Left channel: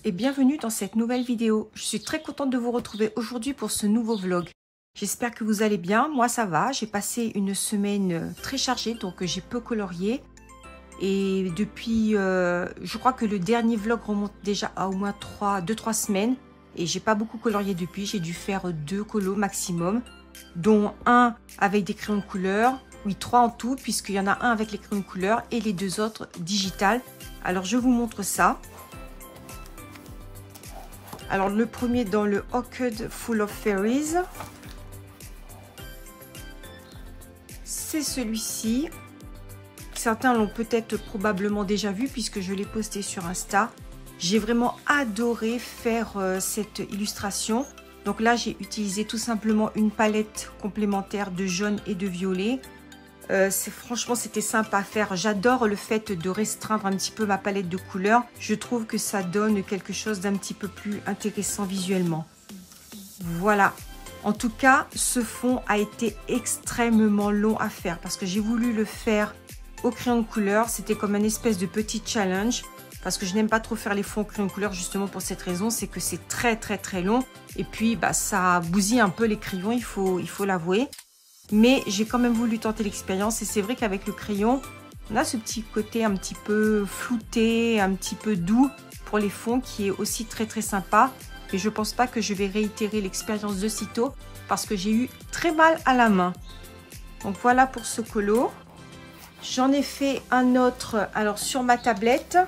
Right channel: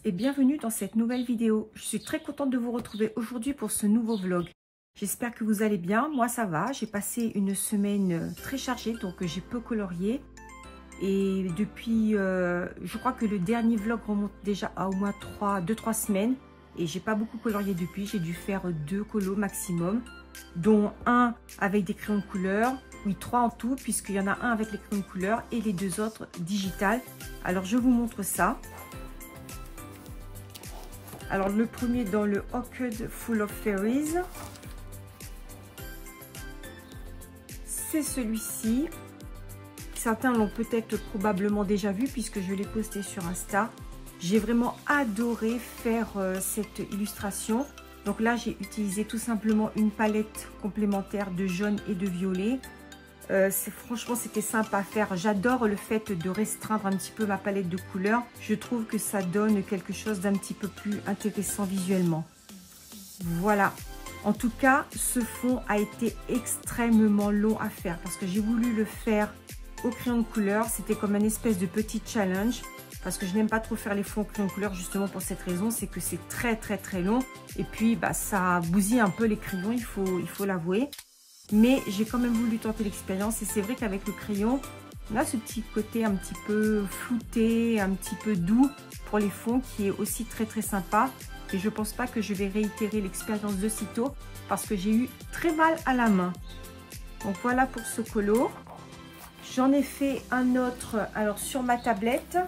tous et bienvenue dans cette nouvelle vidéo. Je suis très contente de vous retrouver aujourd'hui pour ce nouveau vlog. J'espère que vous allez bien, moi ça va. J'ai passé une semaine très chargée, donc j'ai peu colorié. Et depuis, je crois que le dernier vlog remonte déjà à au moins 2-3 semaines. Et j'ai pas beaucoup colorié depuis, j'ai dû faire 2 colos maximum. Dont un avec des crayons de couleur, oui 3 en tout, puisqu'il y en a un avec les crayons de couleur et les 2 autres digital. Alors je vous montre ça. Alors le premier dans le Orchid Full of Fairies, c'est celui-ci. Certains l'ont peut-être probablement déjà vu puisque je l'ai posté sur Insta. J'ai vraiment adoré faire cette illustration. Donc là j'ai utilisé tout simplement une palette complémentaire de jaune et de violet. Franchement c'était simple à faire. J'adore le fait de restreindre un petit peu ma palette de couleurs. Je trouve que ça donne quelque chose d'un petit peu plus intéressant visuellement. Voilà. En tout cas, ce fond a été extrêmement long à faire parce que j'ai voulu le faire au crayon de couleur. C'était comme un espèce de petit challenge parce que je n'aime pas trop faire les fonds au crayon de couleur justement pour cette raison. C'est que c'est très long et puis ça bousille un peu les crayons, il faut l'avouer. Mais j'ai quand même voulu tenter l'expérience et c'est vrai qu'avec le crayon, on a ce petit côté un petit peu flouté, un petit peu doux pour les fonds qui est aussi très sympa. Et je pense pas que je vais réitérer l'expérience de sitôt parce que j'ai eu très mal à la main. Donc voilà pour ce colo. J'en ai fait un autre alors sur ma tablette.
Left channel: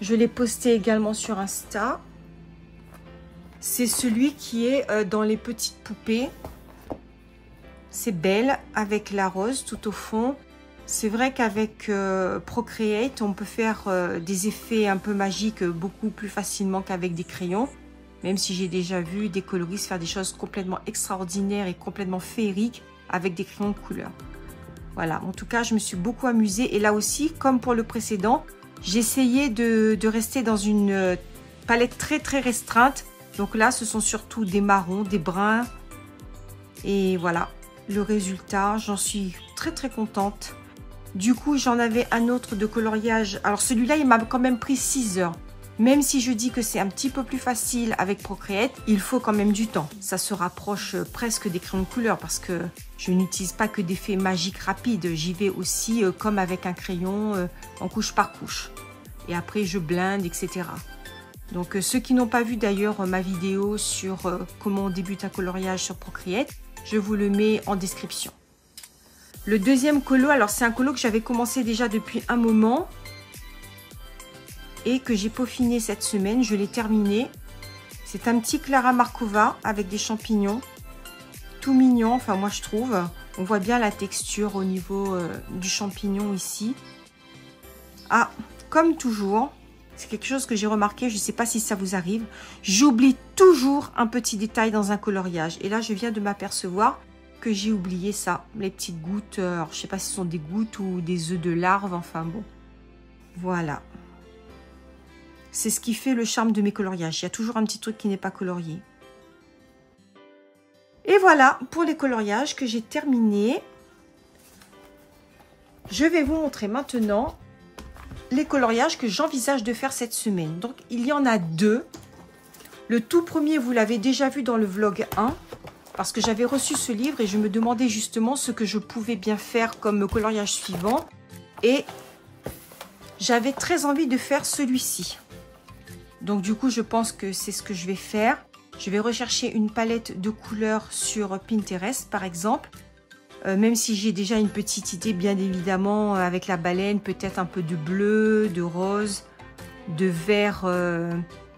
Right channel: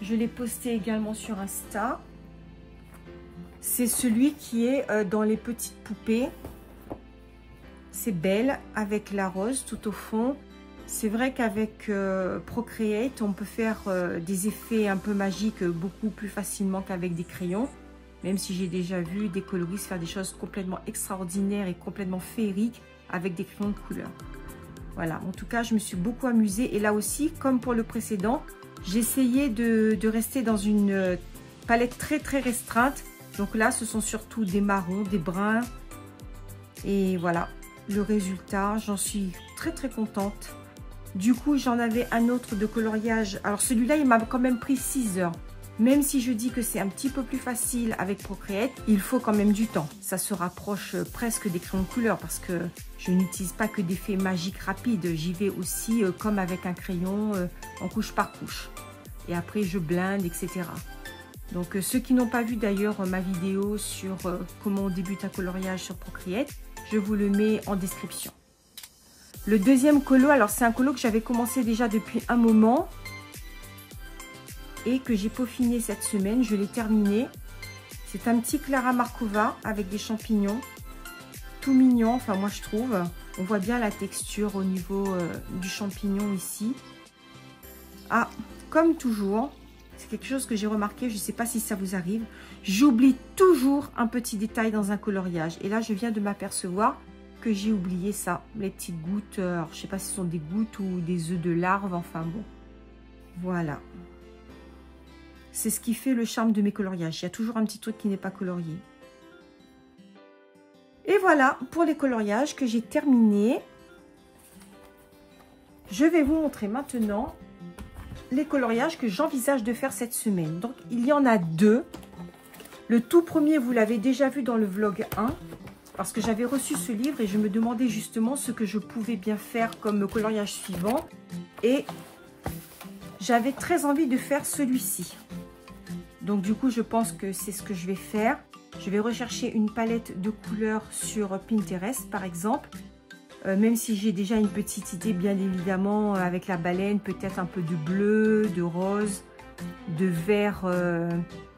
Je l'ai posté également sur Insta. C'est celui qui est dans les petites poupées. C'est belle avec la rose tout au fond. C'est vrai qu'avec Procreate, on peut faire des effets un peu magiques beaucoup plus facilement qu'avec des crayons. Même si j'ai déjà vu des coloristes faire des choses complètement extraordinaires et complètement féeriques avec des crayons de couleur. Voilà, en tout cas, je me suis beaucoup amusée. Et là aussi, comme pour le précédent, j'ai essayé de rester dans une palette très restreinte. Donc là, ce sont surtout des marrons, des bruns. Et voilà. Le résultat, j'en suis très contente. Du coup, j'en avais un autre de coloriage. Alors celui-là, il m'a quand même pris 6 heures. Même si je dis que c'est un petit peu plus facile avec Procreate, il faut quand même du temps. Ça se rapproche presque des crayons de couleur parce que je n'utilise pas que d'effets magiques rapides. J'y vais aussi comme avec un crayon en couche par couche. Et après, je blinde, etc. Donc ceux qui n'ont pas vu d'ailleurs ma vidéo sur comment on débute un coloriage sur Procreate, je vous le mets en description. Le deuxième colo, alors c'est un colo que j'avais commencé déjà depuis un moment et que j'ai peaufiné cette semaine. Je l'ai terminé. C'est un petit Clara Markova avec des champignons. Tout mignon, enfin moi je trouve. On voit bien la texture au niveau du champignon ici. Ah, comme toujours, c'est quelque chose que j'ai remarqué, je ne sais pas si ça vous arrive. J'oublie toujours un petit détail dans un coloriage. Et là, je viens de m'apercevoir que j'ai oublié ça. Les petites gouttes, alors, je ne sais pas si ce sont des gouttes ou des œufs de larves, enfin bon. Voilà. C'est ce qui fait le charme de mes coloriages. Il y a toujours un petit truc qui n'est pas colorié. Et voilà pour les coloriages que j'ai terminés. Je vais vous montrer maintenant les coloriages que j'envisage de faire cette semaine. Donc, il y en a 2. Le tout premier, vous l'avez déjà vu dans le vlog 1, parce que j'avais reçu ce livre et je me demandais justement ce que je pouvais bien faire comme coloriage suivant. Et j'avais très envie de faire celui-ci. Donc, du coup, je pense que c'est ce que je vais faire. Je vais rechercher une palette de couleurs sur Pinterest, par exemple. Même si j'ai déjà une petite idée, bien évidemment, avec la baleine, peut-être un peu de bleu, de rose, de vert,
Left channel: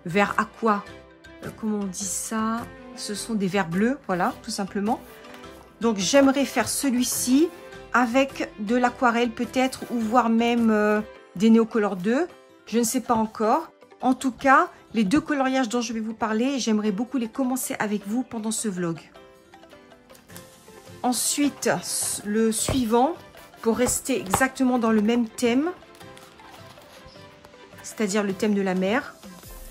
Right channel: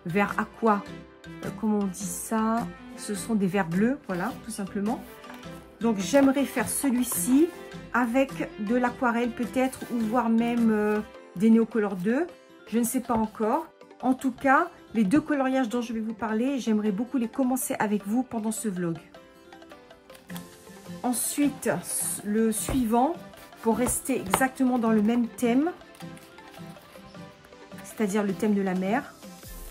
vert aqua. Comment on dit ça? Ce sont des verts bleus, voilà, tout simplement. Donc, j'aimerais faire celui-ci avec de l'aquarelle peut-être, ou voire même des Neocolor 2. Je ne sais pas encore. En tout cas, les 2 coloriages dont je vais vous parler, j'aimerais beaucoup les commencer avec vous pendant ce vlog. Ensuite, le suivant, pour rester exactement dans le même thème, c'est-à-dire le thème de la mer,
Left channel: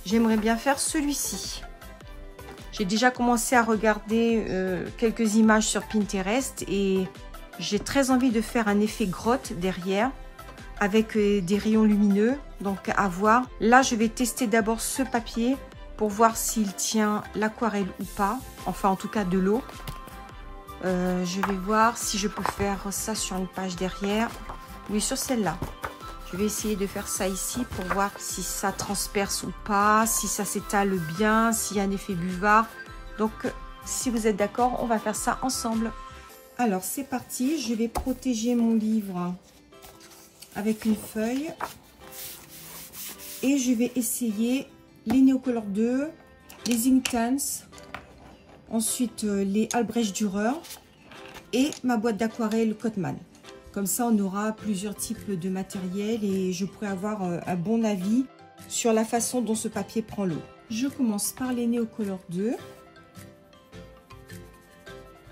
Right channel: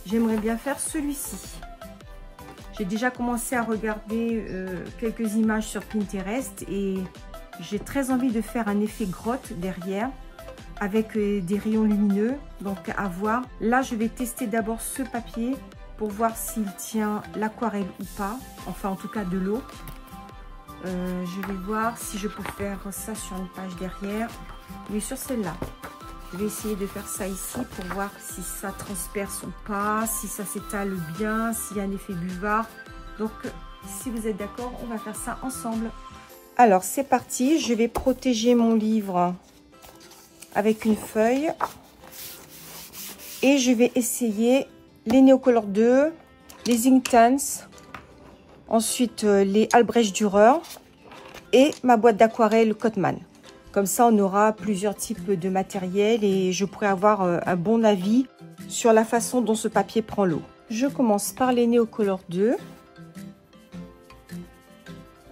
j'aimerais bien faire celui-ci. J'ai déjà commencé à regarder quelques images sur Pinterest et j'ai très envie de faire un effet grotte derrière avec des rayons lumineux, donc à voir. Là, je vais tester d'abord ce papier pour voir s'il tient l'aquarelle ou pas, enfin en tout cas de l'eau. Je vais voir si je peux faire ça sur une page derrière. Oui, sur celle-là. Je vais essayer de faire ça ici pour voir si ça transperce ou pas, si ça s'étale bien, s'il y a un effet buvard. Donc, si vous êtes d'accord, on va faire ça ensemble. Alors, c'est parti. Je vais protéger mon livre avec une feuille. Et je vais essayer les Neocolor 2, les Inktense, ensuite les Albrecht Dürer et ma boîte d'aquarelle Cotman. Comme ça, on aura plusieurs types de matériel et je pourrai avoir un bon avis sur la façon dont ce papier prend l'eau. Je commence par les Neocolor 2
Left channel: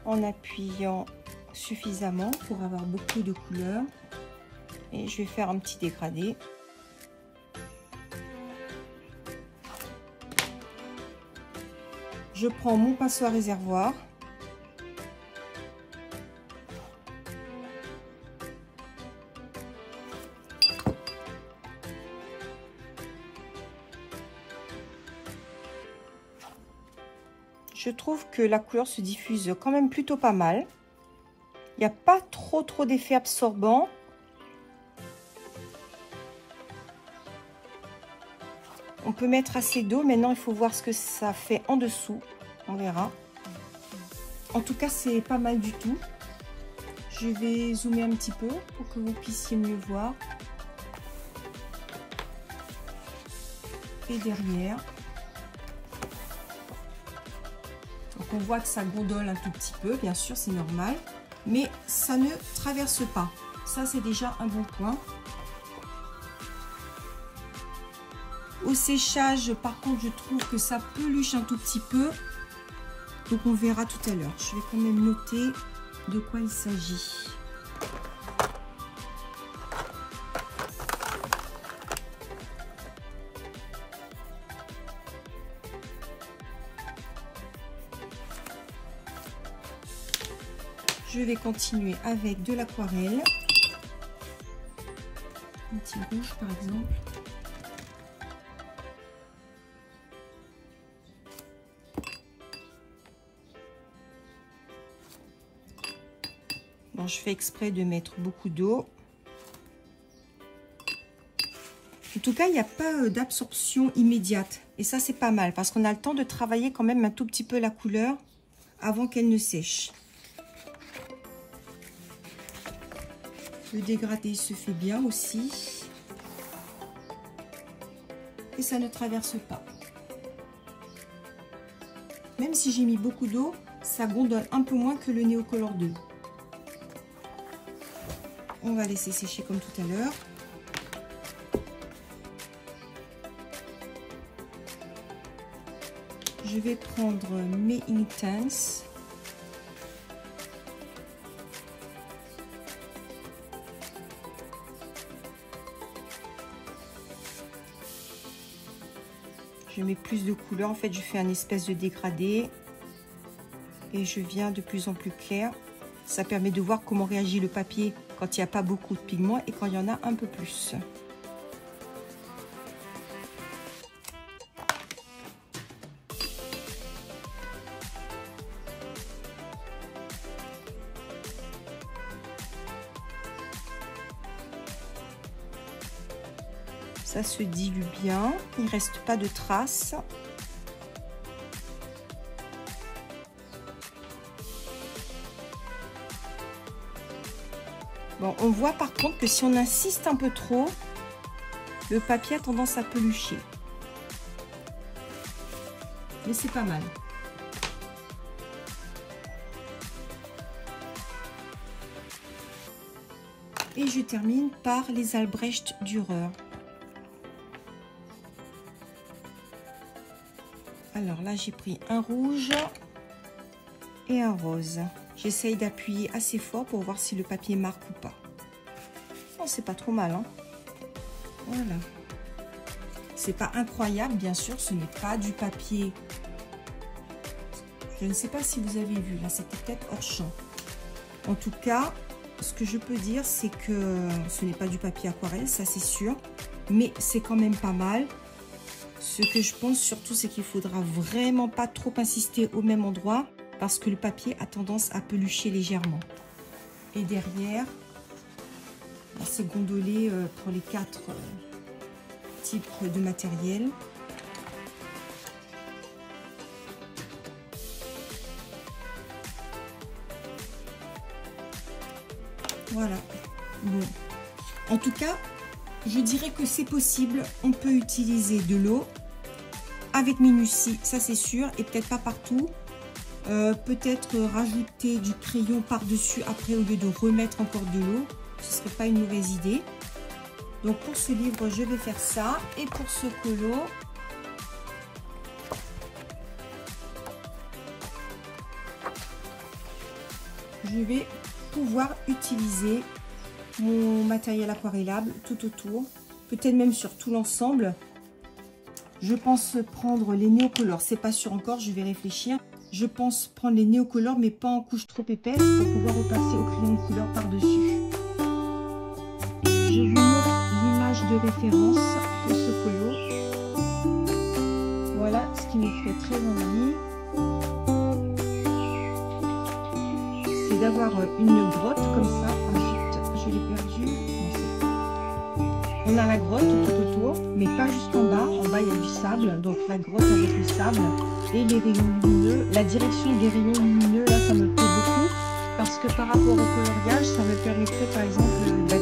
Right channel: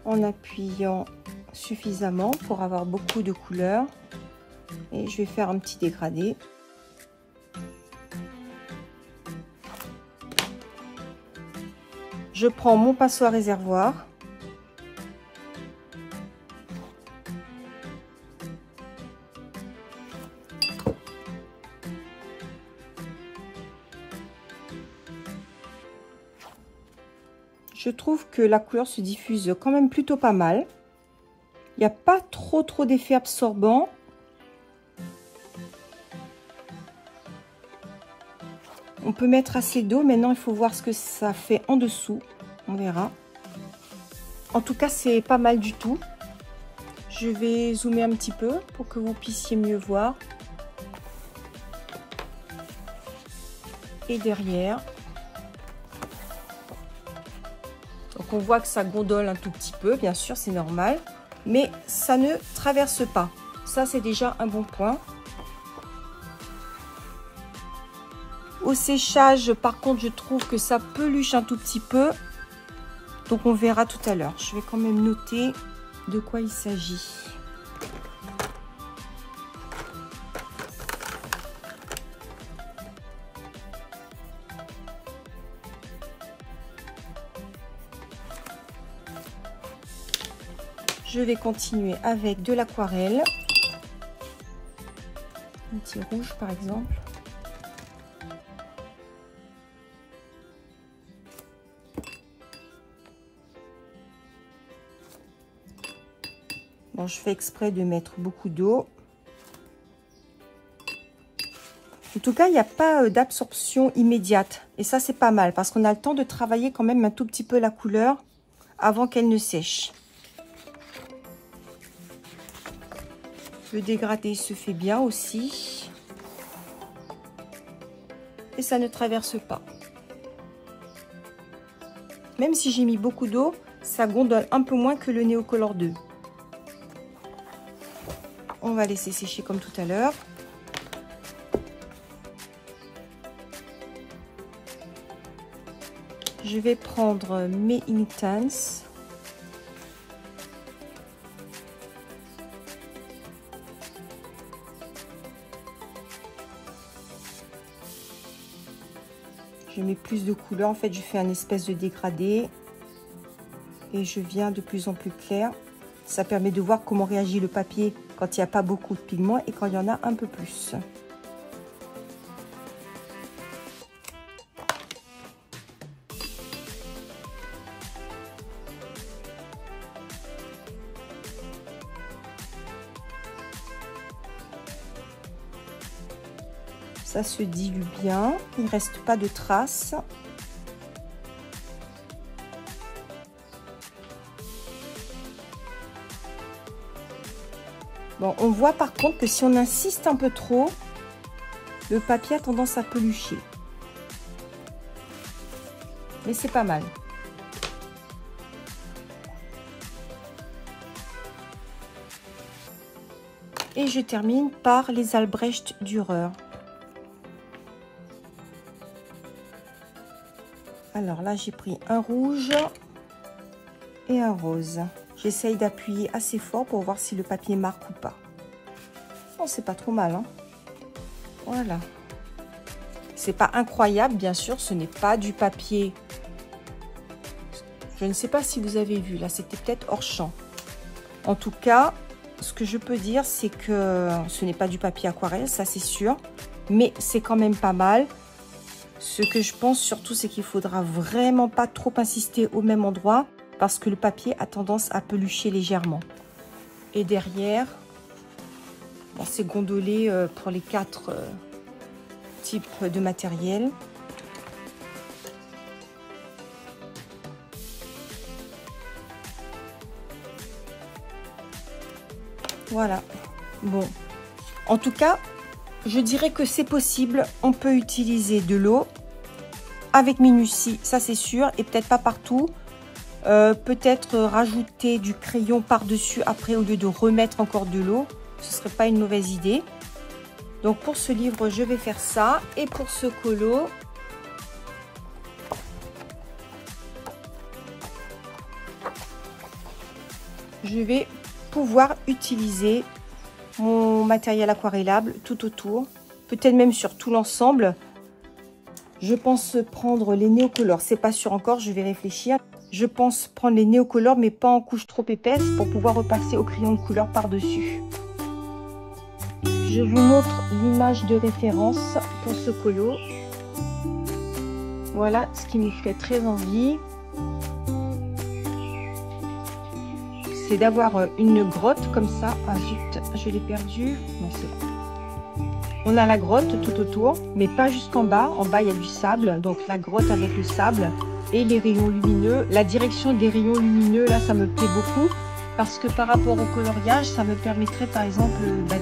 en appuyant suffisamment pour avoir beaucoup de couleurs. Et je vais faire un petit dégradé. Je prends mon pinceau à réservoir. Je trouve que la couleur se diffuse quand même plutôt pas mal. Il n'y a pas trop d'effet absorbant. On peut mettre assez d'eau. Maintenant, il faut voir ce que ça fait en dessous. On verra. En tout cas, c'est pas mal du tout. Je vais zoomer un petit peu pour que vous puissiez mieux voir. Et derrière. Donc, on voit que ça gondole un tout petit peu. Bien sûr, c'est normal. Mais ça ne traverse pas. Ça, c'est déjà un bon point. Au séchage, par contre, je trouve que ça peluche un tout petit peu. Donc, on verra tout à l'heure. Je vais quand même noter de quoi il s'agit. Je vais continuer avec de l'aquarelle. Un petit rouge, par exemple. Bon, je fais exprès de mettre beaucoup d'eau. En tout cas, il n'y a pas d'absorption immédiate. Et ça, c'est pas mal parce qu'on a le temps de travailler quand même un tout petit peu la couleur avant qu'elle ne sèche. Le dégradé se fait bien aussi. Et ça ne traverse pas. Même si j'ai mis beaucoup d'eau, ça gondole un peu moins que le Neocolor 2. On va laisser sécher comme tout à l'heure. Je vais prendre mes Inktense. Je mets plus de couleurs. En fait, je fais un espèce de dégradé. Et je viens de plus en plus clair. Ça permet de voir comment réagit le papier quand il n'y a pas beaucoup de pigments et quand il y en a un peu plus. Ça se dilue bien, il ne reste pas de traces. Bon, on voit par contre que si on insiste un peu trop, le papier a tendance à pelucher. Mais c'est pas mal. Et je termine par les Albrecht Dürer. Alors là, j'ai pris un rouge et un rose. J'essaye d'appuyer assez fort pour voir si le papier marque ou pas. Oh, c'est pas trop mal, hein. Voilà. C'est pas incroyable, bien sûr, ce n'est pas du papier. Je ne sais pas si vous avez vu, là, c'était peut-être hors champ. En tout cas, ce que je peux dire, c'est que ce n'est pas du papier aquarelle, ça c'est sûr. Mais c'est quand même pas mal. Ce que je pense surtout, c'est qu'il faudra vraiment pas trop insister au même endroit parce que le papier a tendance à pelucher légèrement. Et derrière, c'est gondolé pour les 4 types de matériel. Voilà. Bon. En tout cas, je dirais que c'est possible. On peut utiliser de l'eau avec minutie, ça c'est sûr, et peut-être pas partout. Peut-être rajouter du crayon par-dessus après au lieu de remettre encore de l'eau. Ce serait pas une mauvaise idée. Donc pour ce livre, je vais faire ça. Et pour ce colo, je vais pouvoir utiliser mon matériel aquarellable tout autour, peut-être même sur tout l'ensemble. Je pense prendre les néocolores, c'est pas sûr encore, je vais réfléchir. Je pense prendre les néocolores, mais pas en couche trop épaisse, pour pouvoir repasser au crayon de couleur par-dessus. Je vous montre l'image de référence pour ce colo. Voilà ce qui me fait très envie. C'est d'avoir une grotte comme ça. Ah zut, je l'ai perdu. Non, c'est bon. On a la grotte tout autour, mais pas jusqu'en bas. En bas, il y a du sable. Donc la grotte avec le sable et les rayons lumineux. La direction des rayons lumineux, là, ça me plaît beaucoup. Parce que par rapport au coloriage, ça me permettrait par exemple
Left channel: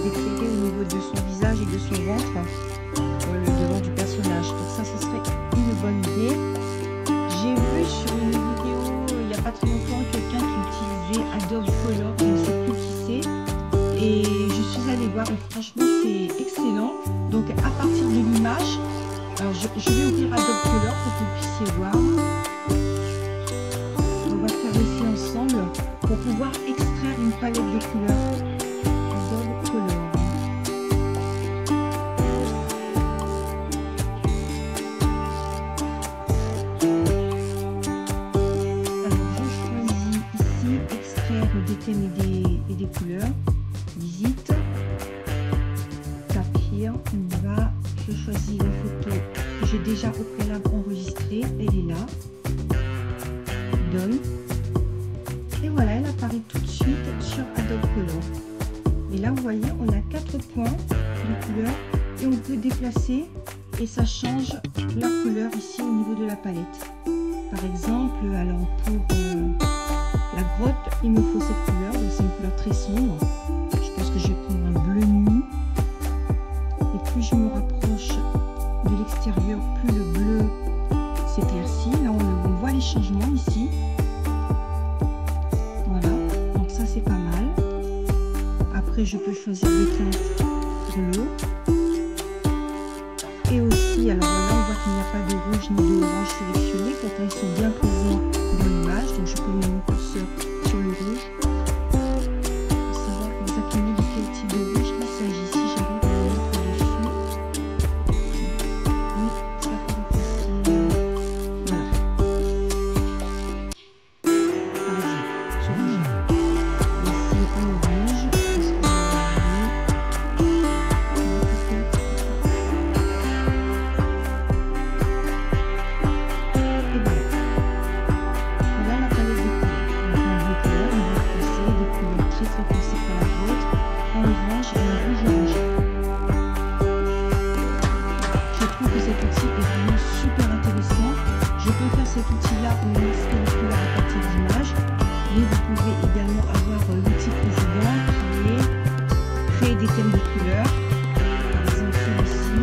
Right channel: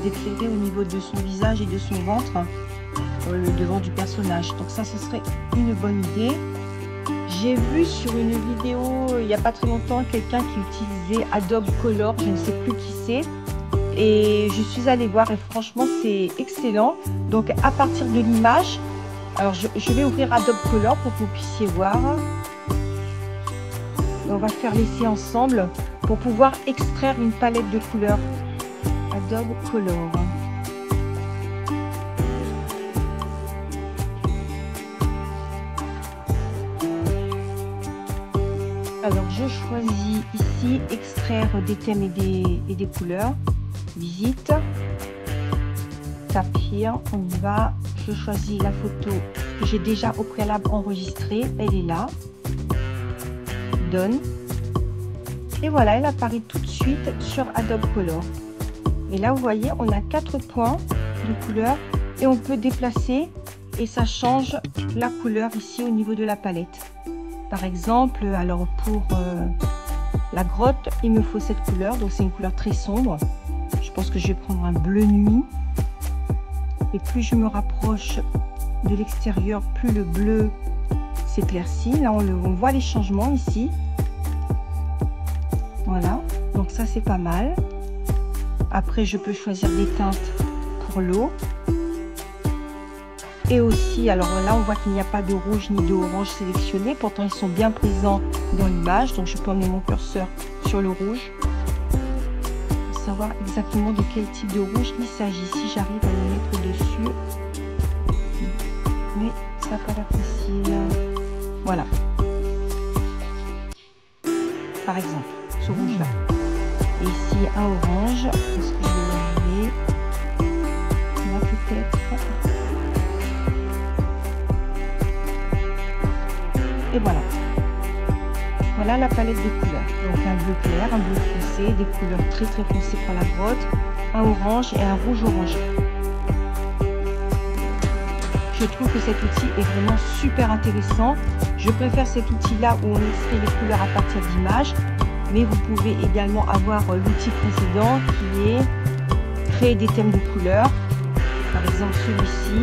d'éclairer au niveau de son visage et de son ventre, le devant du personnage. Donc ça, ce serait une bonne idée. J'ai vu sur une vidéo il n'y a pas très longtemps quelqu'un qui utilisait Adobe Color, je ne sais plus qui c'est. Et je suis allée voir et franchement c'est excellent. Donc à partir de l'image, alors je vais ouvrir Adobe Color pour que vous puissiez voir. On va faire l'essai ensemble pour pouvoir extraire une palette de couleurs Adobe Color. Des thèmes et des couleurs. Visite, saphir, on y va. Je choisis la photo que j'ai déjà au préalable enregistrée, elle est là. Donne. Et voilà, elle apparaît tout de suite sur Adobe Color. Et là, vous voyez, on a 4 points de couleur et on peut déplacer et ça change la couleur ici au niveau de la palette. Par exemple, alors pour la grotte, il me faut cette couleur, donc c'est une couleur très sombre. Je pense que je vais prendre un bleu nuit. Et plus je me rapproche de l'extérieur, plus le bleu s'éclaircit. Là, on voit les changements ici. Voilà, donc ça c'est pas mal. Après, je peux choisir des teintes pour l'eau. Et aussi, alors là, on voit qu'il n'y a pas de rouge ni de orange sélectionné. Pourtant, ils sont bien présents dans l'image. Donc, je peux emmener mon curseur sur le rouge pour savoir exactement de quel type de rouge il s'agit. Si j'arrive à le mettre dessus. Mais ça n'a pas l'air facile. Voilà. Par exemple, ce rouge-là. Et ici, un orange. Est-ce que et voilà. Voilà la palette des couleurs. Donc un bleu clair, un bleu foncé, des couleurs très foncées pour la grotte, un orange et un rouge orange. Je trouve que cet outil est vraiment super intéressant. Je préfère cet outil-là où on extrait les couleurs à partir d'images. Mais vous pouvez également avoir l'outil précédent qui est créer des thèmes de couleurs. Par exemple celui-ci,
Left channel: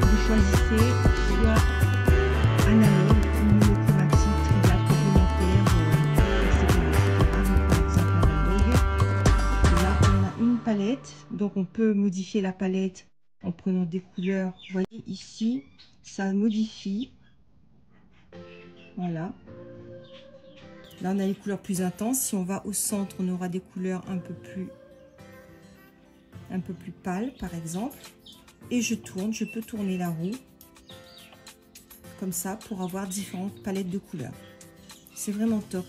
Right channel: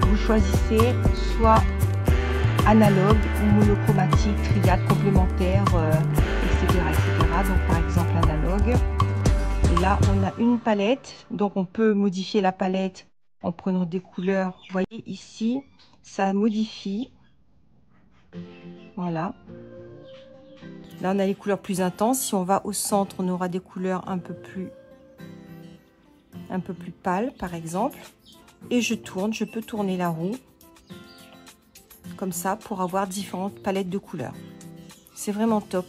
vous choisissez soit analogue ou monochromatique, triade, complémentaire, etc., etc. Donc par exemple analogue. Et là on a une palette, donc on peut modifier la palette en prenant des couleurs. Vous voyez ici, ça modifie. Voilà. Là on a les couleurs plus intenses. Si on va au centre, on aura des couleurs un peu plus pâles par exemple. Et je tourne, je peux tourner la roue comme ça pour avoir différentes palettes de couleurs. C'est vraiment top.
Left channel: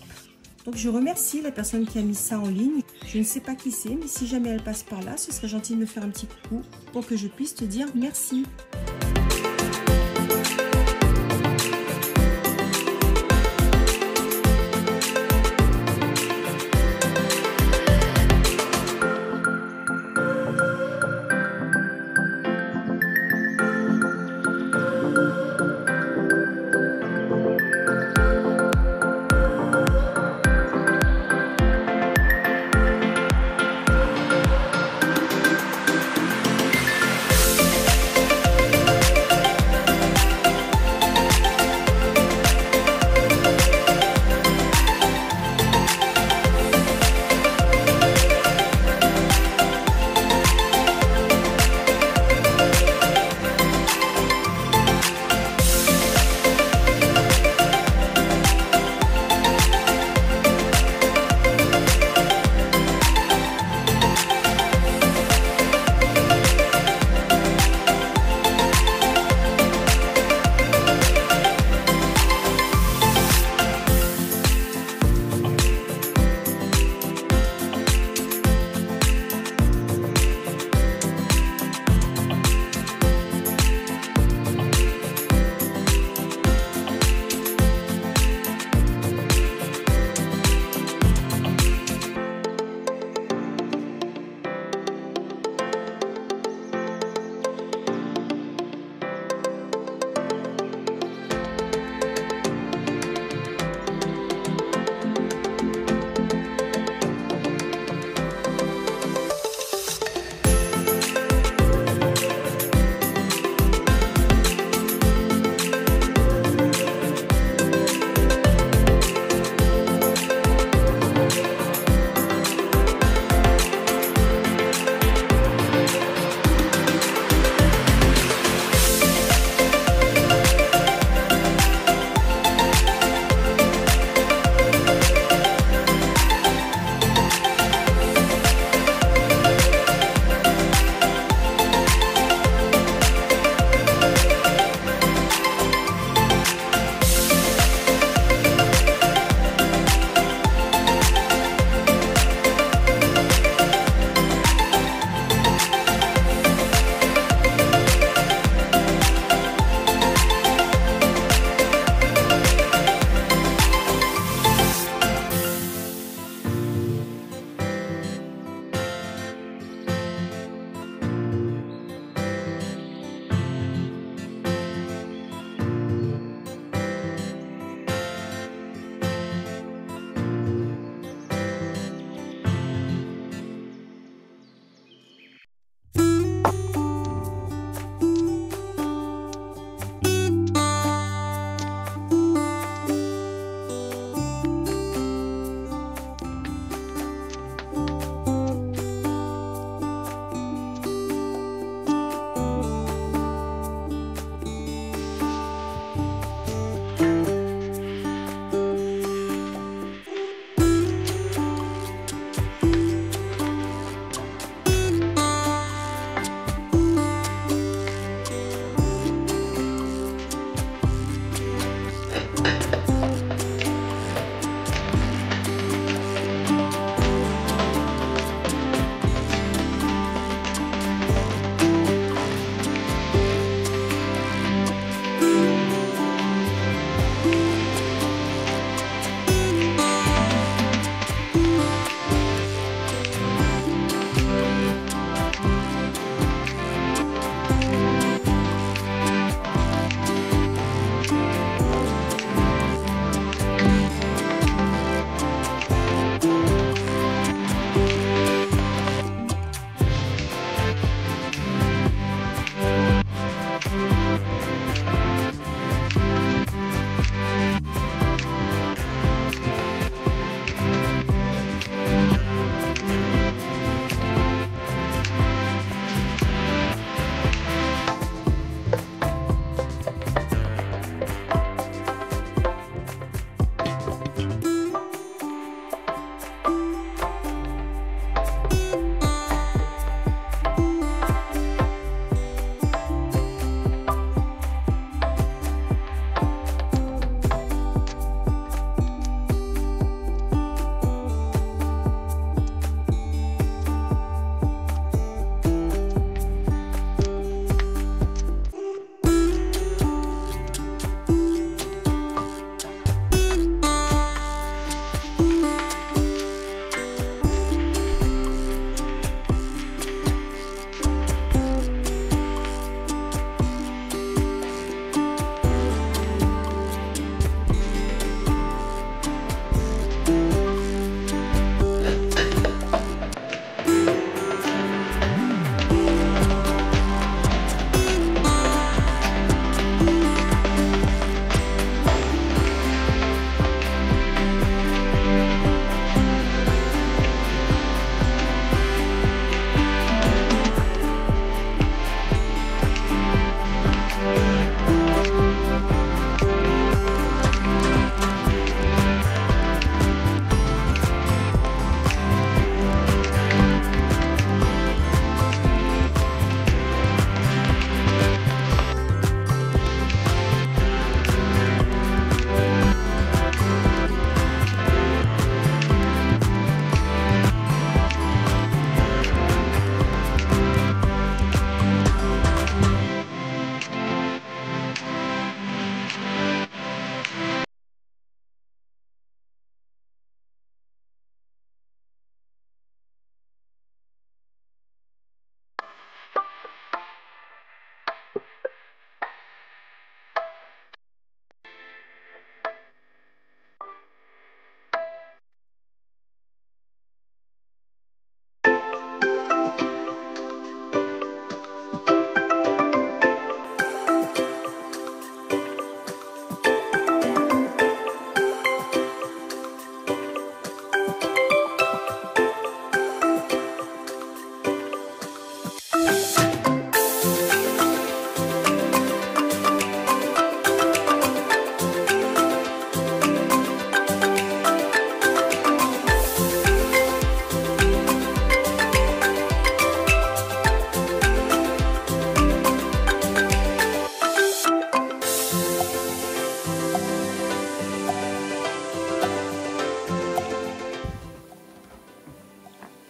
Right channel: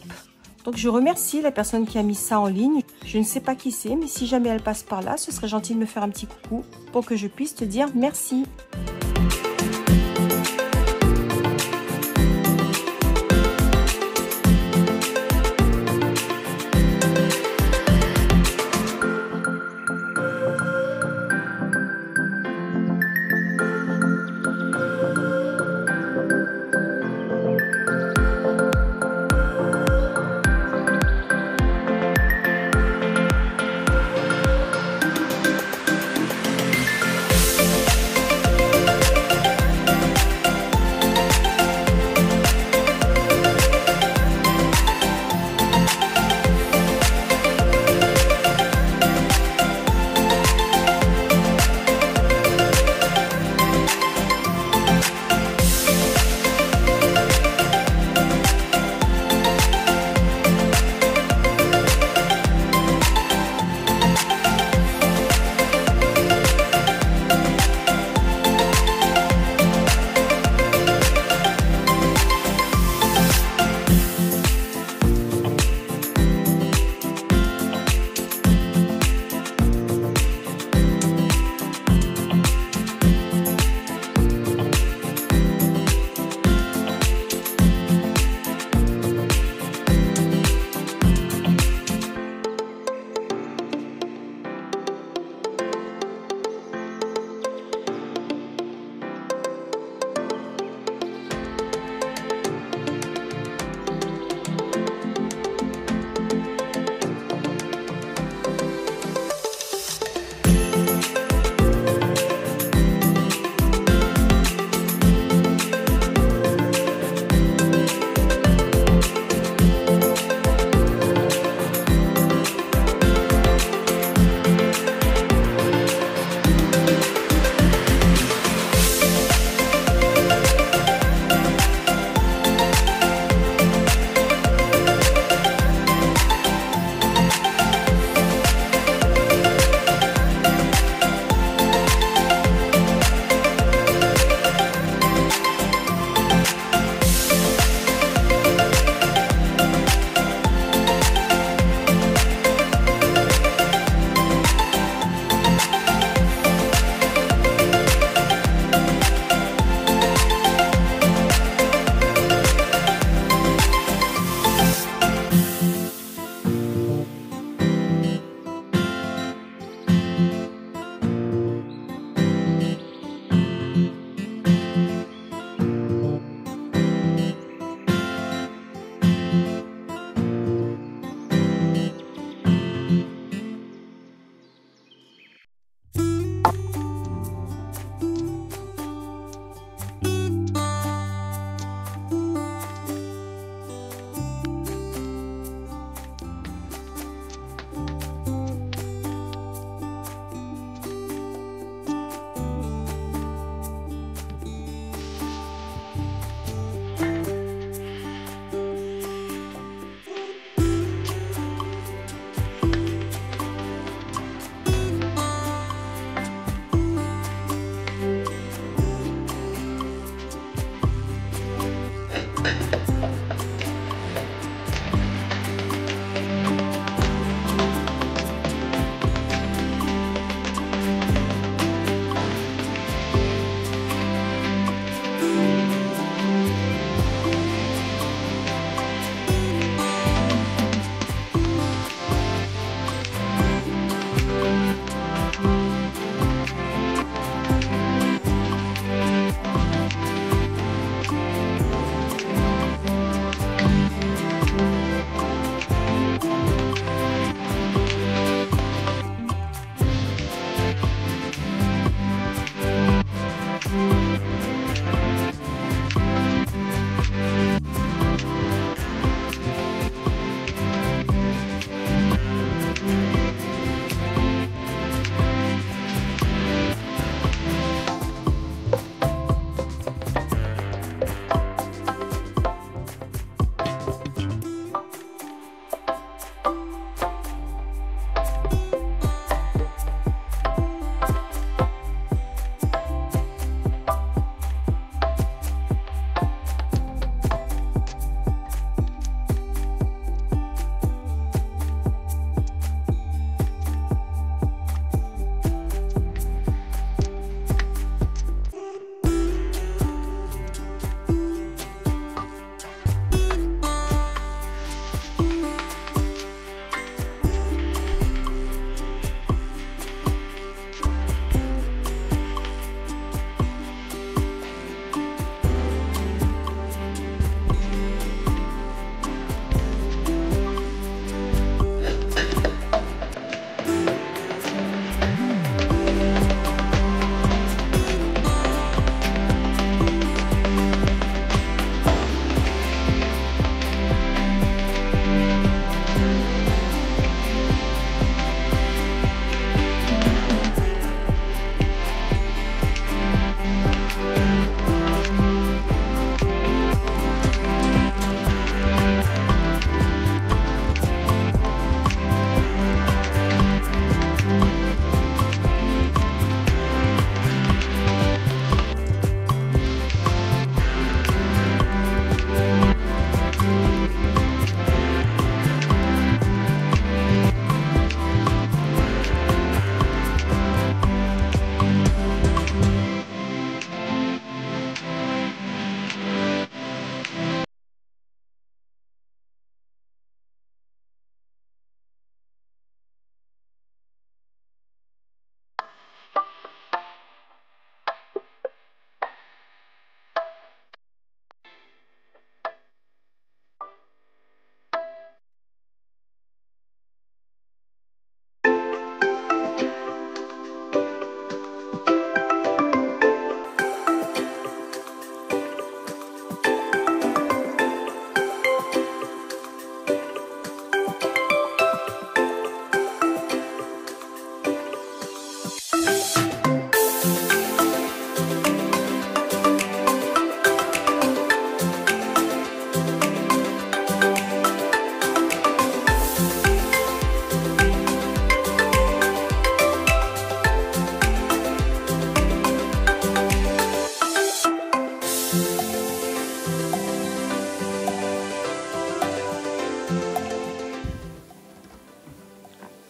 Donc je remercie la personne qui a mis ça en ligne. Je ne sais pas qui c'est, mais si jamais elle passe par là, ce serait gentil de me faire un petit coucou pour que je puisse te dire merci.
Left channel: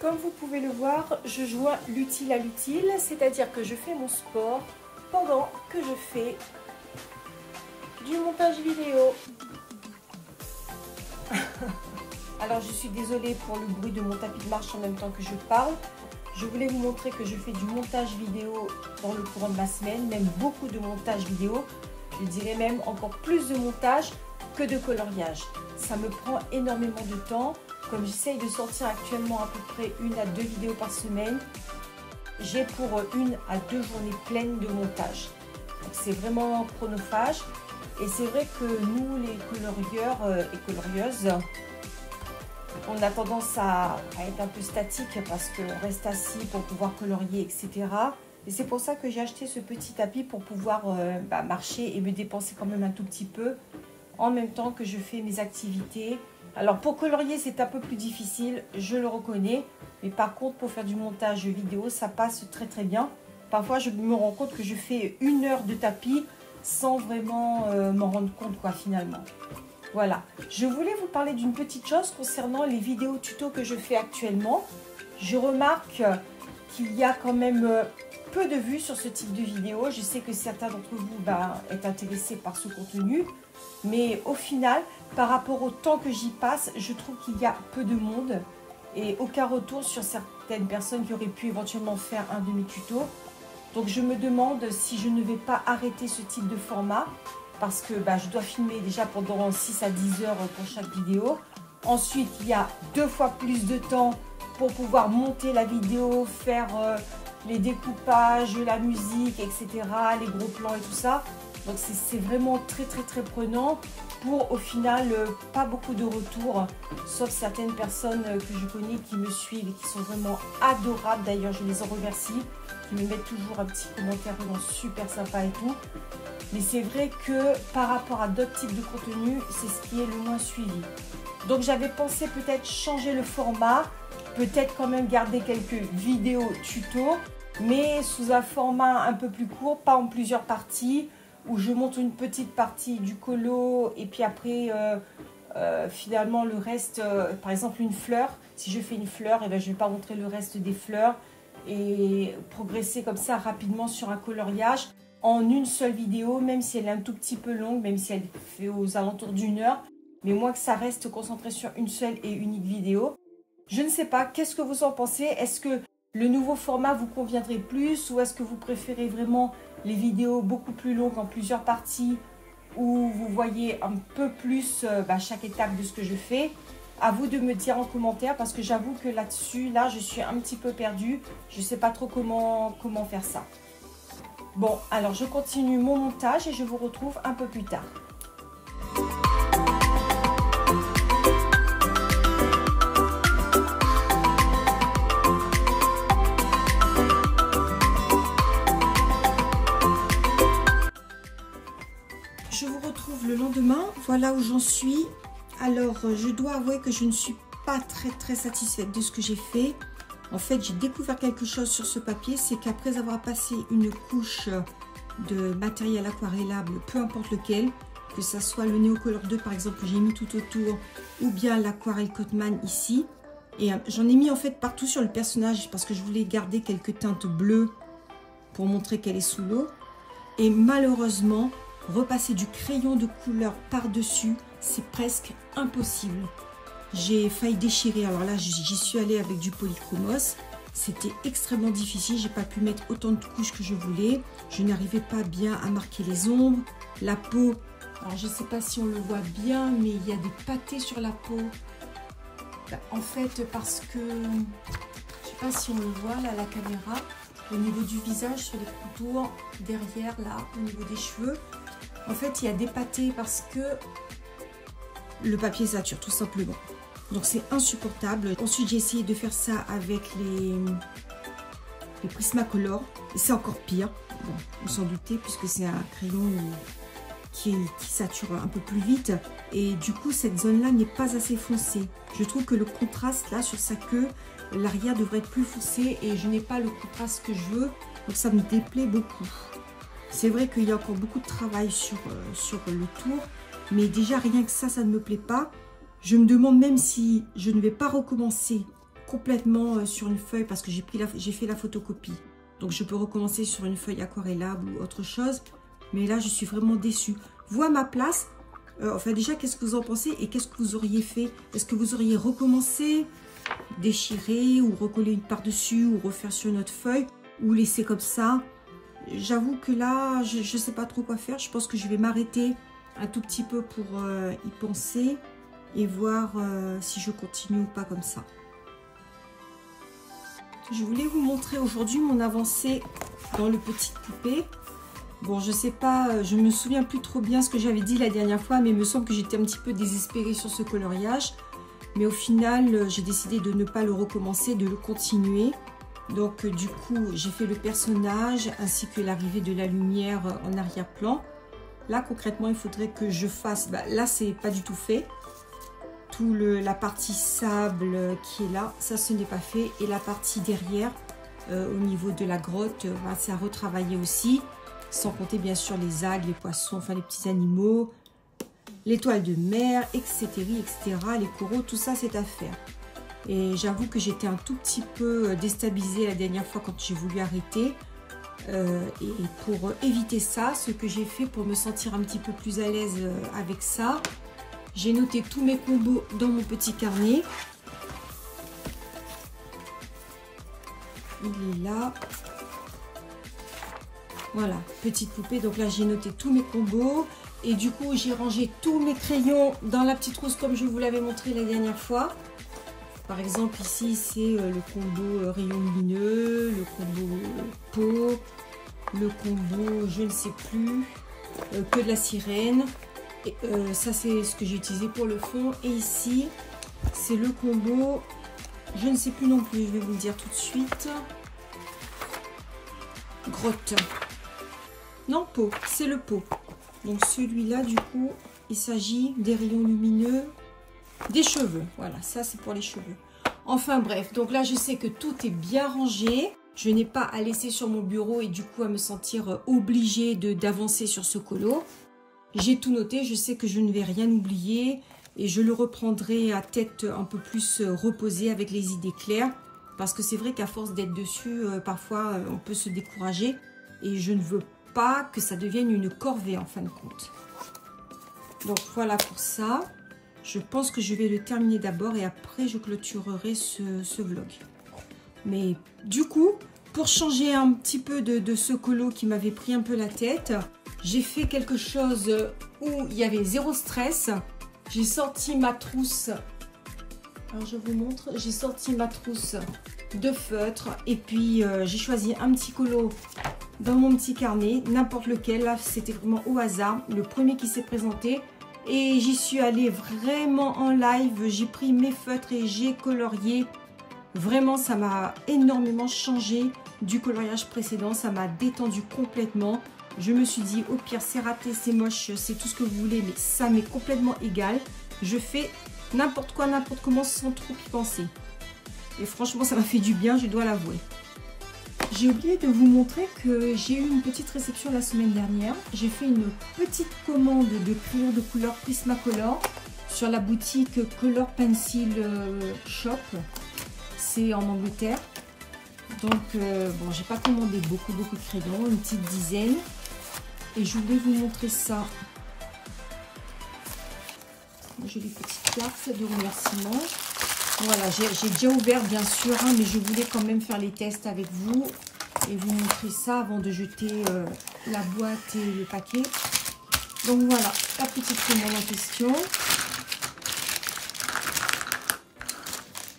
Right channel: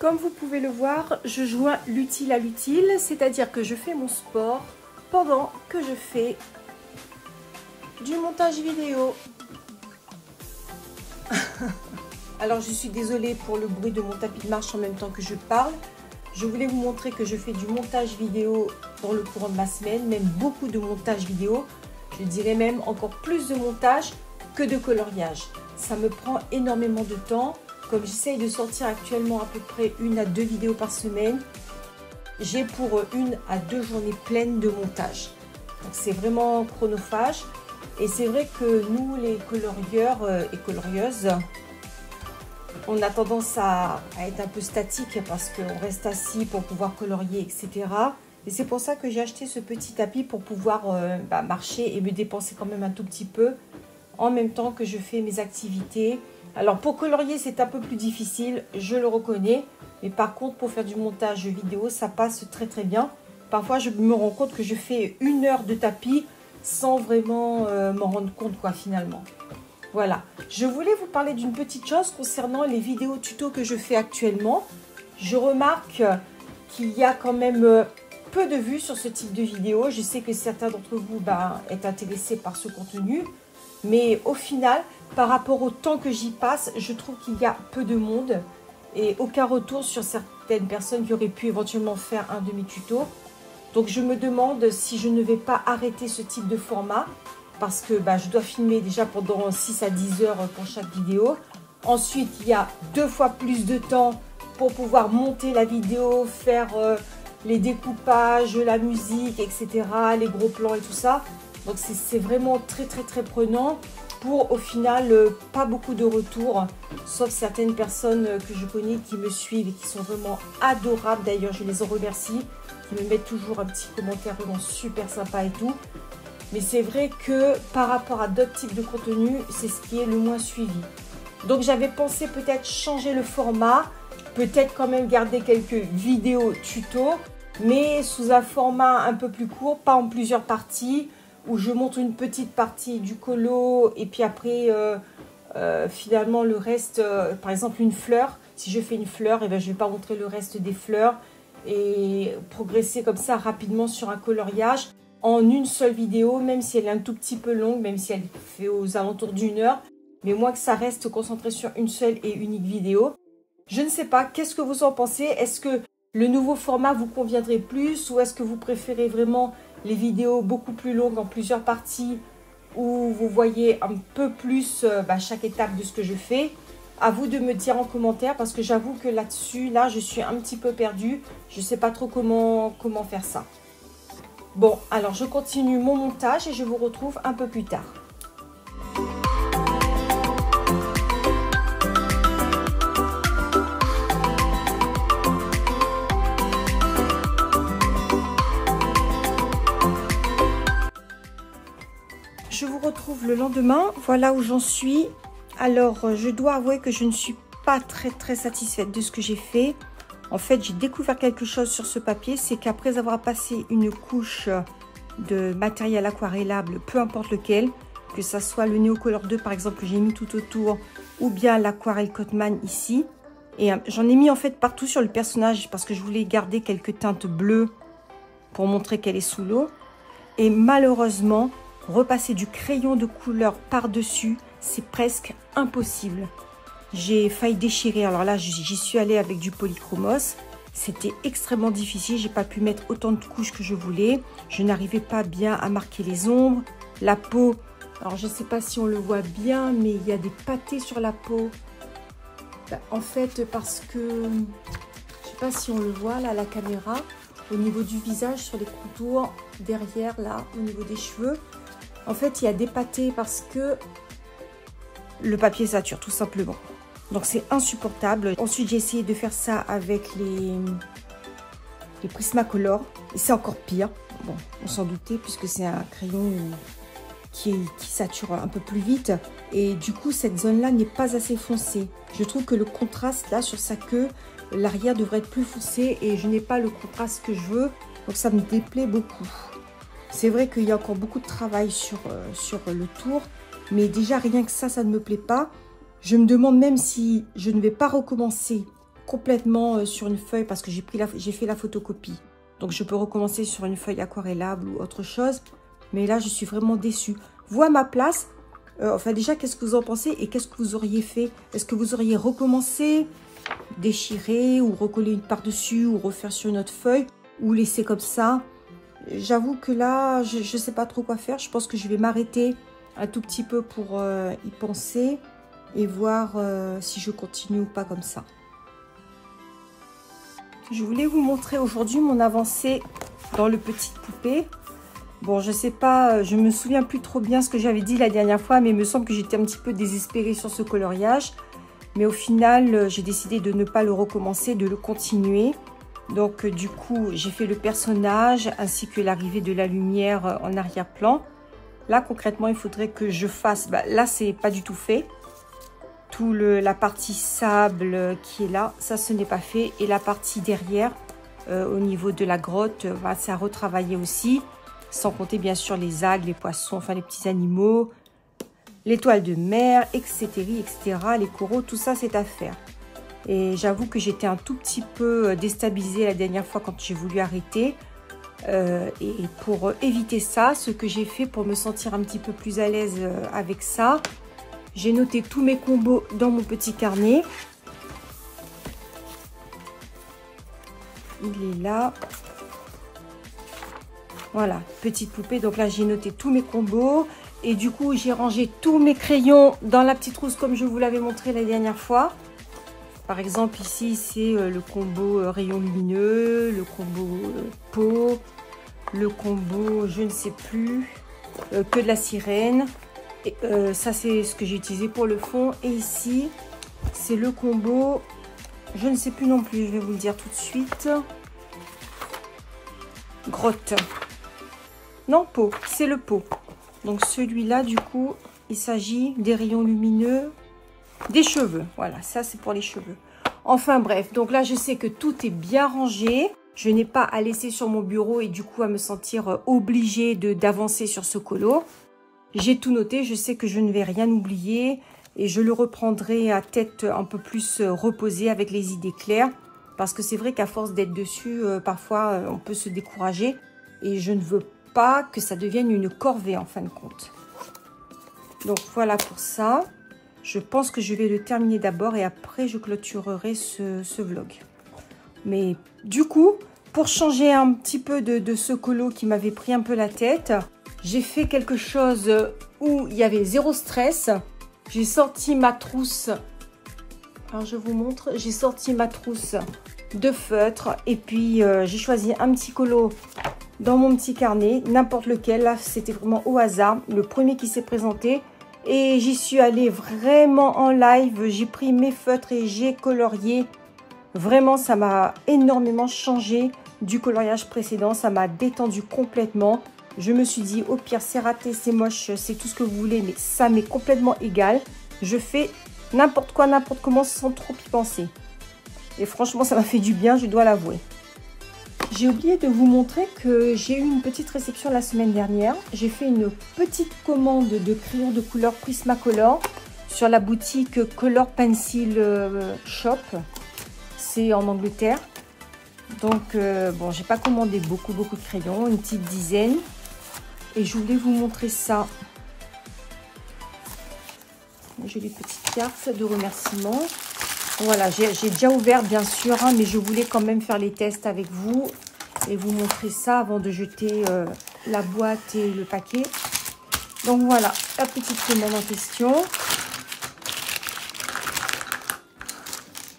Comme vous pouvez le voir, je joins l'utile à l'utile, c'est-à-dire que je fais mon sport pendant que je fais du montage vidéo. Alors je suis désolée pour le bruit de mon tapis de marche en même temps que je parle. Je voulais vous montrer que je fais du montage vidéo pour le courant de la semaine, même beaucoup de montage vidéo. Je dirais même encore plus de montage que de coloriage. Ça me prend énormément de temps. Comme j'essaye de sortir actuellement à peu près 1 à 2 vidéos par semaine, j'ai pour 1 à 2 journées pleines de montage. C'est vraiment chronophage. Et c'est vrai que nous, les colorieurs et colorieuses, on a tendance à être un peu statique parce qu'on reste assis pour pouvoir colorier, etc. Et c'est pour ça que j'ai acheté ce petit tapis pour pouvoir marcher et me dépenser quand même un tout petit peu en même temps que je fais mes activités. Alors pour colorier, c'est un peu plus difficile, je le reconnais. Mais par contre, pour faire du montage vidéo, ça passe très très bien. Parfois, je me rends compte que je fais 1 heure de tapis sans vraiment m'en rendre compte finalement. Voilà, je voulais vous parler d'une petite chose concernant les vidéos tuto que je fais actuellement. Je remarque qu'il y a quand même peu de vues sur ce type de vidéo. Je sais que certains d'entre vous êtes intéressés par ce contenu. Mais au final, par rapport au temps que j'y passe, je trouve qu'il y a peu de monde. Et aucun retour sur certaines personnes qui auraient pu éventuellement faire un de mes tutos. Donc je me demande si je ne vais pas arrêter ce type de format. Parce que je dois filmer déjà pendant 6 à 10 heures pour chaque vidéo. Ensuite, il y a 2 fois plus de temps pour pouvoir monter la vidéo, faire les découpages, la musique, etc. Les gros plans et tout ça. Donc c'est vraiment très très très prenant pour au final pas beaucoup de retours. Sauf certaines personnes que je connais qui me suivent et qui sont vraiment adorables. D'ailleurs, je les en remercie. Qui me mettent toujours un petit commentaire vraiment super sympa et tout. Mais c'est vrai que par rapport à d'autres types de contenus, c'est ce qui est le moins suivi. Donc j'avais pensé peut-être changer le format, peut-être quand même garder quelques vidéos tuto, mais sous un format un peu plus court, pas en plusieurs parties, où je montre une petite partie du colo et puis après finalement le reste, par exemple une fleur. Si je fais une fleur, je ne vais pas montrer le reste des fleurs et progresser comme ça rapidement sur un coloriage. En une seule vidéo, même si elle est un tout petit peu longue, même si elle fait aux alentours d'1 heure, mais moi que ça reste concentré sur une seule et unique vidéo. Je ne sais pas, qu'est-ce que vous en pensez? Est-ce que le nouveau format vous conviendrait plus ou est-ce que vous préférez vraiment les vidéos beaucoup plus longues en plusieurs parties où vous voyez un peu plus chaque étape de ce que je fais? À vous de me dire en commentaire parce que j'avoue que là-dessus, je suis un petit peu perdue. Je ne sais pas trop comment faire ça. Bon, alors je continue mon montage et je vous retrouve un peu plus tard. Je vous retrouve le lendemain, voilà où j'en suis. Alors, je dois avouer que je ne suis pas très satisfaite de ce que j'ai fait. En fait, j'ai découvert quelque chose sur ce papier, c'est qu'après avoir passé une couche de matériel aquarellable, peu importe lequel, que ça soit le Neocolor 2 par exemple que j'ai mis tout autour, ou bien l'aquarelle Cotman ici. Et j'en ai mis en fait partout sur le personnage parce que je voulais garder quelques teintes bleues pour montrer qu'elle est sous l'eau. Et malheureusement, repasser du crayon de couleur par-dessus, c'est presque impossible. J'ai failli déchirer. Alors là, j'y suis allée avec du polychromos. C'était extrêmement difficile. J'ai pas pu mettre autant de couches que je voulais. Je n'arrivais pas bien à marquer les ombres. La peau, alors je ne sais pas si on le voit bien, mais il y a des pâtés sur la peau. En fait, parce que, je sais pas si on le voit là, la caméra, au niveau du visage, sur les contours, derrière là, au niveau des cheveux. En fait, il y a des pâtés parce que le papier sature, tout simplement. Donc c'est insupportable. Ensuite j'ai essayé de faire ça avec les Prismacolor. Et c'est encore pire. Bon, on s'en doutait puisque c'est un crayon qui sature un peu plus vite. Et du coup cette zone-là n'est pas assez foncée. Je trouve que le contraste là sur sa queue, l'arrière devrait être plus foncé et je n'ai pas le contraste que je veux. Donc ça me déplaît beaucoup. C'est vrai qu'il y a encore beaucoup de travail sur le tour. Mais déjà rien que ça ne me plaît pas. Je me demande même si je ne vais pas recommencer complètement sur une feuille parce que j'ai fait la photocopie. Donc, je peux recommencer sur une feuille aquarellable ou autre chose. Mais là, je suis vraiment déçue. Vous, à ma place, enfin déjà, qu'est-ce que vous en pensez et qu'est-ce que vous auriez fait? Est-ce que vous auriez recommencé, déchiré ou recoller une par-dessus ou refaire sur une autre feuille ou laisser comme ça? J'avoue que là, je ne sais pas trop quoi faire. Je pense que je vais m'arrêter un tout petit peu pour y penser et voir si je continue ou pas comme ça. Je voulais vous montrer aujourd'hui mon avancée dans le petit poupée. Bon, je sais pas, je me souviens plus trop bien ce que j'avais dit la dernière fois, mais il me semble que j'étais un petit peu désespérée sur ce coloriage. Mais au final, j'ai décidé de ne pas le recommencer, de le continuer. Donc, du coup, j'ai fait le personnage ainsi que l'arrivée de la lumière en arrière-plan. Là, concrètement, il faudrait que je fasse... Bah, là, c'est pas du tout fait. La partie sable qui est là, ça, ce n'est pas fait. Et la partie derrière, au niveau de la grotte, bah, ça a retravaillé aussi. Sans compter, bien sûr, les algues, les poissons, enfin, les petits animaux, l'étoile de mer, etc., etc., les coraux, tout ça, c'est à faire. Et j'avoue que j'étais un tout petit peu déstabilisée la dernière fois quand j'ai voulu arrêter. Et pour éviter ça, ce que j'ai fait pour me sentir un petit peu plus à l'aise avec ça, j'ai noté tous mes combos dans mon petit carnet. Il est là. Voilà, petite poupée. Donc là, j'ai noté tous mes combos. Et du coup, j'ai rangé tous mes crayons dans la petite trousse comme je vous l'avais montré la dernière fois. Par exemple, ici, c'est le combo rayon lumineux, le combo peau, le combo je ne sais plus, que de la sirène. Et, ça, c'est ce que j'ai utilisé pour le fond. Et ici, c'est le combo, je ne sais plus non plus, je vais vous le dire tout de suite. Grotte. Non, peau, c'est le pot. Donc celui-là, du coup, il s'agit des rayons lumineux, des cheveux. Voilà, ça c'est pour les cheveux. Enfin bref, donc là je sais que tout est bien rangé. Je n'ai pas à laisser sur mon bureau et du coup à me sentir obligée d'avancer sur ce colo. J'ai tout noté, je sais que je ne vais rien oublier et je le reprendrai à tête un peu plus reposée avec les idées claires. Parce que c'est vrai qu'à force d'être dessus, parfois on peut se décourager et je ne veux pas que ça devienne une corvée en fin de compte. Donc voilà pour ça. Je pense que je vais le terminer d'abord et après je clôturerai ce vlog. Mais du coup, pour changer un petit peu de ce colo qui m'avait pris un peu la tête, j'ai fait quelque chose où il y avait zéro stress. J'ai sorti ma trousse. Alors je vous montre, j'ai sorti ma trousse de feutre et puis j'ai choisi un petit colo dans mon petit carnet, n'importe lequel. Là, c'était vraiment au hasard, le premier qui s'est présenté. Et j'y suis allée vraiment en live. J'ai pris mes feutres et j'ai colorié. Vraiment, ça m'a énormément changé du coloriage précédent. Ça m'a détendu complètement. Je me suis dit, au pire, c'est raté, c'est moche, c'est tout ce que vous voulez. Mais ça m'est complètement égal. Je fais n'importe quoi, n'importe comment sans trop y penser. Et franchement, ça m'a fait du bien, je dois l'avouer. J'ai oublié de vous montrer que j'ai eu une petite réception la semaine dernière. J'ai fait une petite commande de crayons de couleur Prismacolor sur la boutique Color Pencil Shop. C'est en Angleterre. Donc, bon, j'ai pas commandé beaucoup de crayons, une petite dizaine. Et je voulais vous montrer ça. J'ai des petites cartes de remerciement. Voilà, j'ai déjà ouvert bien sûr, hein, mais je voulais quand même faire les tests avec vous et vous montrer ça avant de jeter la boîte et le paquet. Donc voilà, la petite semaine en question.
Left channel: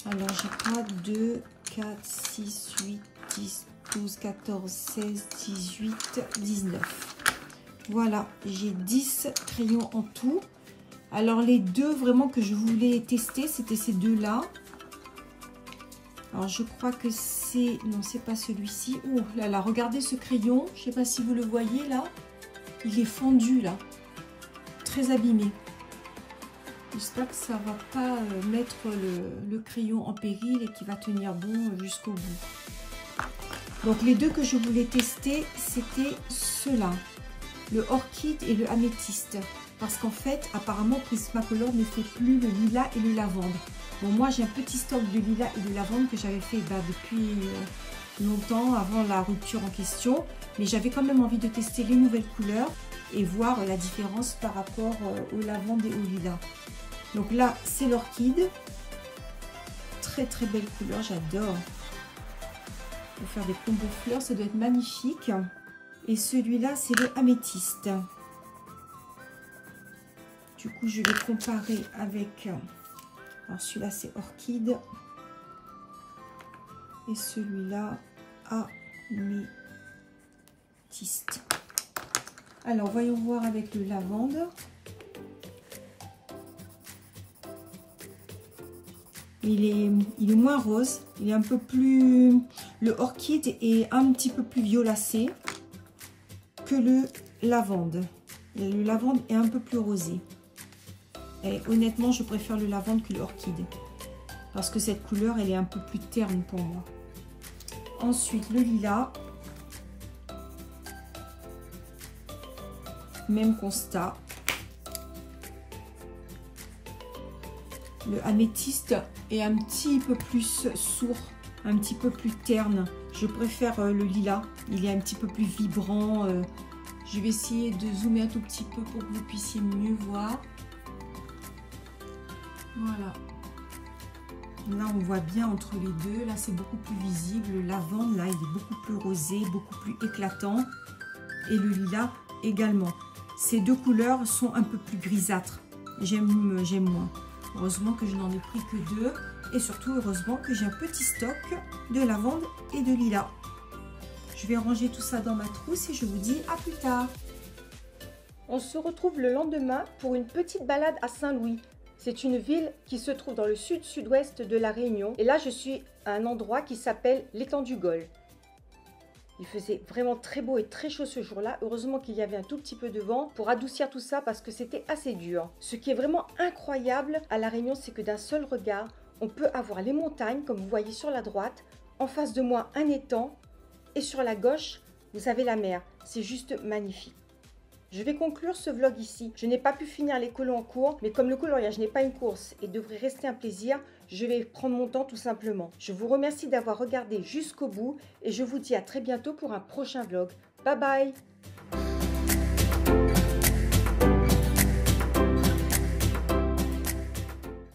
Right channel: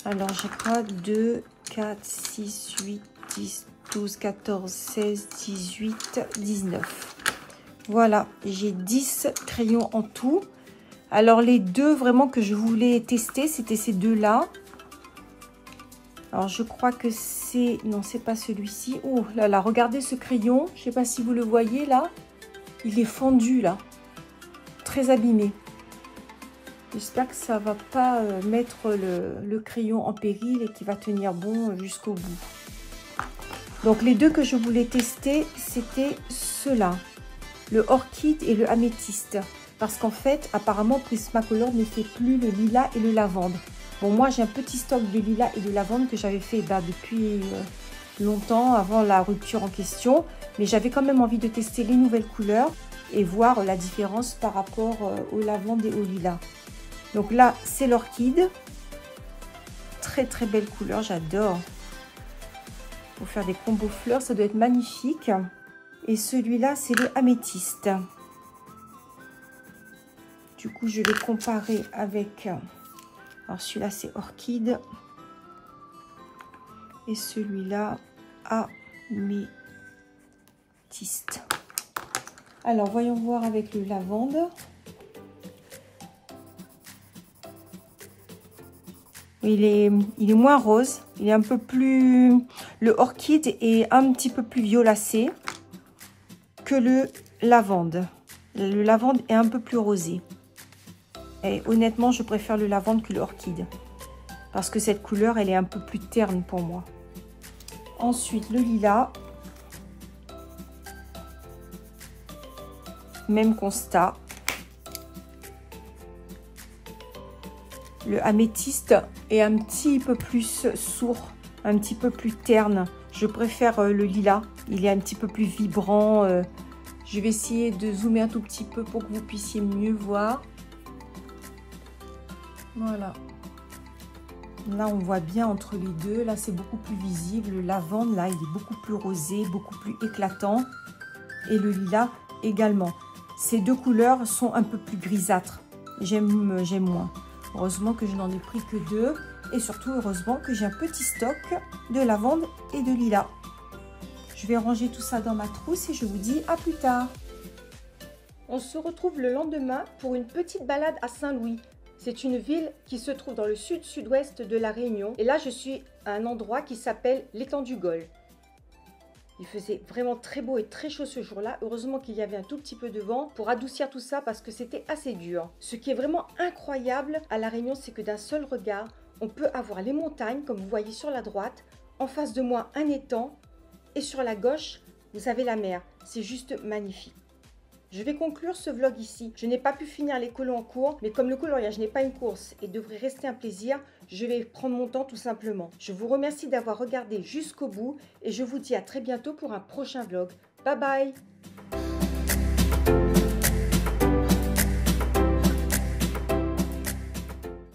Alors j'ai quoi? 2, 4, 6, 8, 10, 12, 14, 16, 18, 19. Voilà, j'ai 10 crayons en tout. Alors, les deux vraiment que je voulais tester, c'était ces deux-là. Alors, je crois que c'est... Non, c'est pas celui-ci. Oh là là, regardez ce crayon. Je ne sais pas si vous le voyez là. Il est fondu là. Très abîmé. J'espère que ça ne va pas mettre le crayon en péril et qu'il va tenir bon jusqu'au bout. Donc, les deux que je voulais tester, c'était ceux-là. Le orchide et le améthyste. Parce qu'en fait, apparemment, Prismacolor ne fait plus le lilas et le lavande. Bon, moi, j'ai un petit stock de lilas et de lavande que j'avais fait depuis longtemps, avant la rupture en question. Mais j'avais quand même envie de tester les nouvelles couleurs et voir la différence par rapport au lavande et au lilas. Donc là, c'est l'orchide. Très, très belle couleur, j'adore. Pour faire des combos fleurs, ça doit être magnifique. Et celui-là, c'est le améthyste. Du coup, je vais comparer avec... Alors, celui-là, c'est orchide. Et celui-là, améthyste. Alors, voyons voir avec le lavande. Il est moins rose. Il est un peu plus... Le orchide est un petit peu plus violacé que le lavande. Le lavande est un peu plus rosé. Et honnêtement, je préfère le lavande que l'orchide. Parce que cette couleur, elle est un peu plus terne pour moi. Ensuite, le lilas. Même constat. Le améthyste est un petit peu plus sourd, un petit peu plus terne. Je préfère le lilas. Il est un petit peu plus vibrant. Je vais essayer de zoomer un tout petit peu pour que vous puissiez mieux voir. Voilà. Là, on voit bien entre les deux. Là, c'est beaucoup plus visible. Le lavande, là, il est beaucoup plus rosé, beaucoup plus éclatant. Et le lilas également. Ces deux couleurs sont un peu plus grisâtres. J'aime moins. Heureusement que je n'en ai pris que 2. Et surtout, heureusement que j'ai un petit stock de lavande et de lilas. Je vais ranger tout ça dans ma trousse et je vous dis à plus tard. On se retrouve le lendemain pour une petite balade à Saint-Louis. C'est une ville qui se trouve dans le sud-sud-ouest de la Réunion. Et là, je suis à un endroit qui s'appelle l'étang du Gol. Il faisait vraiment très beau et très chaud ce jour-là. Heureusement qu'il y avait un tout petit peu de vent pour adoucir tout ça parce que c'était assez dur. Ce qui est vraiment incroyable à la Réunion, c'est que d'un seul regard, on peut avoir les montagnes, comme vous voyez sur la droite. En face de moi, un étang. Et sur la gauche, vous avez la mer. C'est juste magnifique. Je vais conclure ce vlog ici. Je n'ai pas pu finir les colos en cours, mais comme le coloriage n'est pas une course et devrait rester un plaisir, je vais prendre mon temps tout simplement. Je vous remercie d'avoir regardé jusqu'au bout et je vous dis à très bientôt pour un prochain vlog. Bye bye!